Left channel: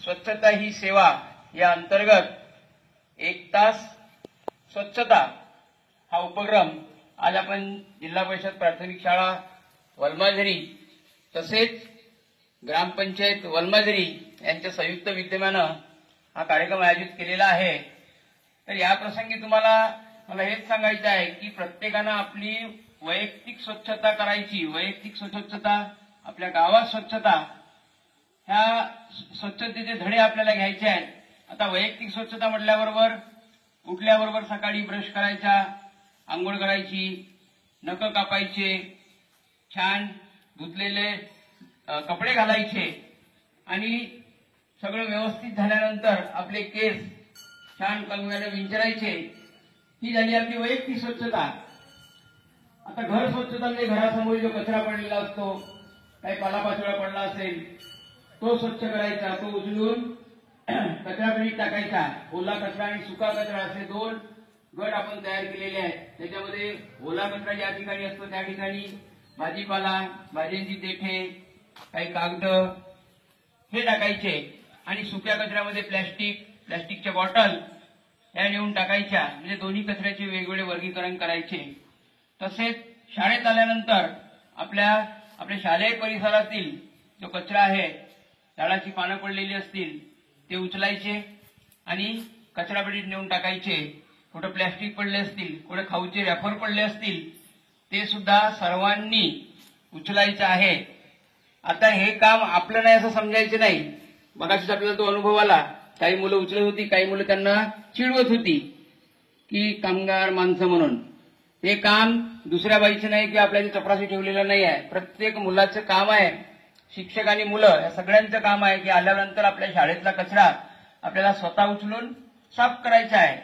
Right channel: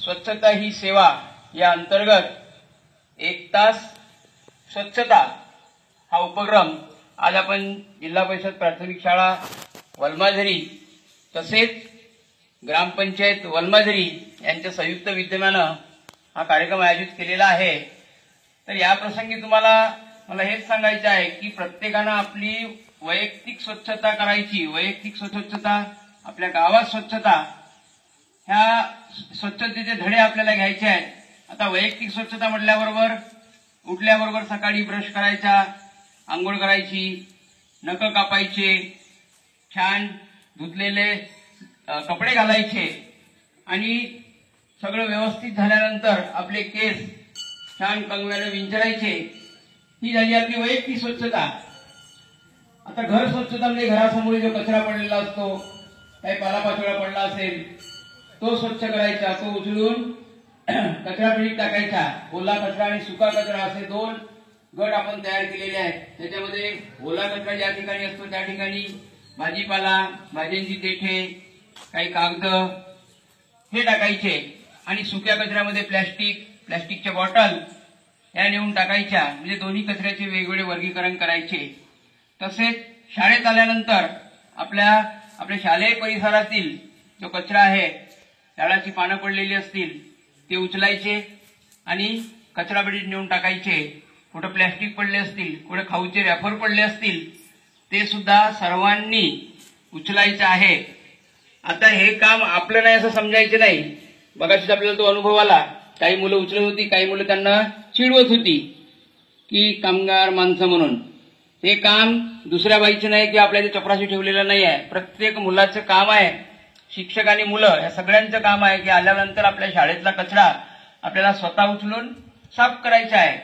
स्वच्छता ही सेवा या अंतर्गत 1 तास स्वच्छता हा उपक्रम आज आपण जिल्हा परिषद प्राथमिक शाळा वलमाझरी तसेच ग्रामपंचायत वलमाझरी यांच्या संयुक्त विद्यमाने हा कार्यक्रम आयोजित केलेला आहे। तर या प्रसंगी तुम्हाला मला हेच सांगायचे आहे की प्रत्येकाने आपली वैयक्तिक स्वच्छता करायची। वैयक्तिक स्वच्छता, आपल्या गावात स्वच्छता, ह्या स्वच्छतेचे धडे आपल्याला घ्यायचे आहेत। आता वैयक्तिक स्वच्छता म्हटल्याबरोबर उठल्याबरोबर सकाळी ब्रश करायचा, आंघोळ करायची, नख कापायचे, छान धुतलेले कपडे घालायचे आणि सगळं व्यवस्थित झाल्यानंतर आपले केस छान कंगव्याने विंचरायचे। ही झाली आपली वैयक्तिक स्वच्छता। आता घर स्वच्छता म्हणजे घरासमोर जो कचरा पडलेला असतो, काही पालापाचोळा पडला असेल तो स्वच्छ करायचा, तो उचलून कचरापेटीत टाकायचा। ओला कचरा आणि सुका कचरा असे 2 गट आपण तयार केलेले आहेत। त्याच्यामध्ये ओला कचरा ज्या ठिकाणी असतो त्या ठिकाणी भाजीपाला, भाज्यांची देठे, काही कागद हे टाकायचे आणि सुक्या कचऱ्यामध्ये प्लास्टिकच्या बॉटल या नेऊन टाकायच्या। म्हणजे दोन्ही कचऱ्याचे वेगवेगळे वर्गीकरण करायचे। तसेच शाळेत आल्यानंतर आपल्या शालेय परिसरातील जो कचरा आहे, झाडाची पानं पडलेली असतील ते उचलायचे आणि कचरापेटीत नेऊन टाकायचे। कुठे प्लास्टिक पडले असतील, कुठे खाऊचे रॅपर पडले असतील ते सुद्धा सर्वांनी उचलायचे आहे। आता हे काम आपलं नाही असं समजायचं नाही। बघाच आपल्याला तो अनुभव आला, काही मुलं उचलत होती, काही मुलं त्यांना चिडवत होती की कामगार माणसं म्हणून। हे काम दुसऱ्या बाईचं नाही की आपल्या इथे चपराशी ठेवलेलं नाही आहे। प्रत्येक मुलाचं काम आहे, शिक्षक आणि मुलं या सगळ्यांचं काम आहे की आल्यानंतर आपल्या शाळेतला कचरा आपल्याला स्वतः उचलून साफ करायचा आहे।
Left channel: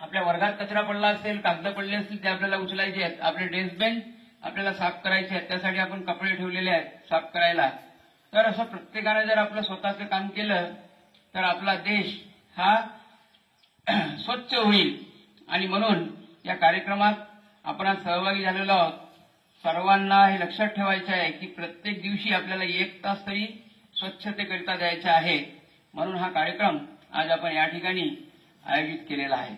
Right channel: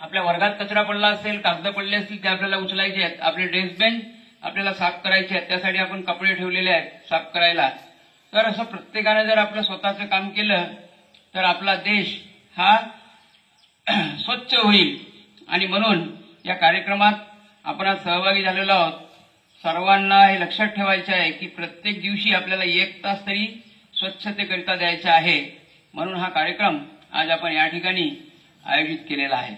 आपल्या वर्गात कचरा पडला असेल, कागद पडले असतील ते आपल्याला उचलायचे आहेत। आपले डेस्क बेंच आपल्याला साफ करायचे आहेत, त्यासाठी आपण कपडे ठेवलेले आहेत साफ करायला। तर असं प्रत्येकाने जर आपलं स्वतःचं काम केलं तर आपला देश हा स्वच्छ होईल। आणि म्हणून या कार्यक्रमात आपण आज सहभागी झालेलो आहोत। सर्वांना हे लक्षात ठेवायचे आहे की प्रत्येक दिवशी आपल्याला 1 तास तरी स्वच्छतेकरिता द्यायचा आहे। म्हणून हा कार्यक्रम आज आपण या ठिकाणी आयोजित केलेला आहे।